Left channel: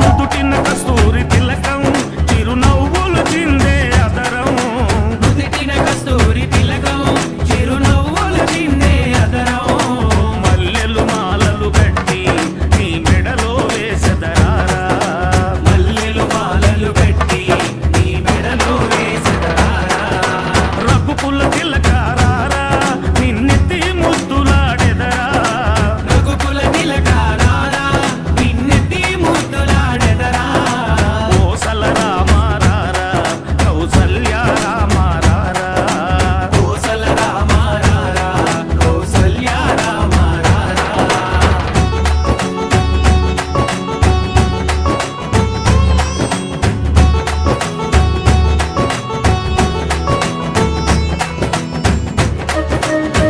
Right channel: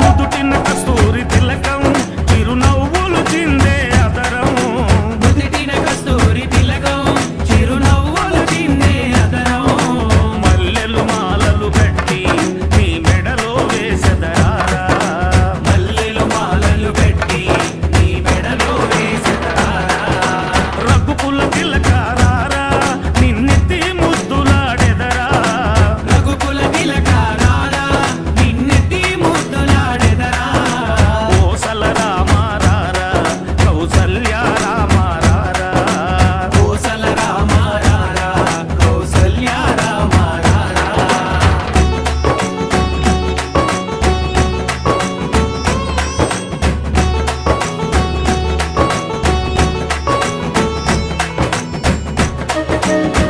నుదుటిన కస్తూరి తిలకం చిరునవ్వులు చిందే అదరం నుదుటిన కస్తూరి తిలకం చిరునవ్వులు చిందే అదరం మల్లెలు మాలలు కట్టి నీ మెడలో వేసదరారా మల్లెలు మాలలు కట్టి నీ మెడలో వేసదరారా రఘుకుల తిలకం Thank you.